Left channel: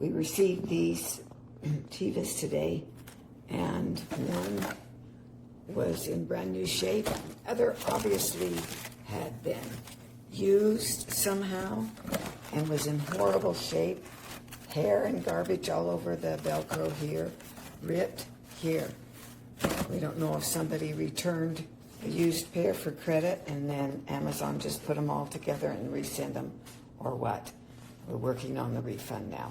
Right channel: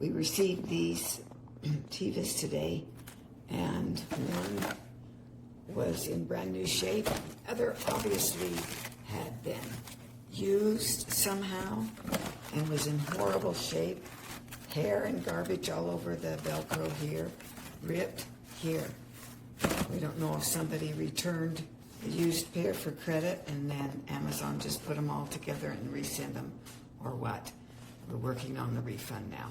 We received these Tevas today, and one was in brand new shape. The other obviously had been used somehow and was in horrible shape. Hair and garbage all over the Velcro here, ripped here. We don't know if somebody returned a used pair for credit and then Amazon just put them all together and resend them, or what. We're working on the refund now.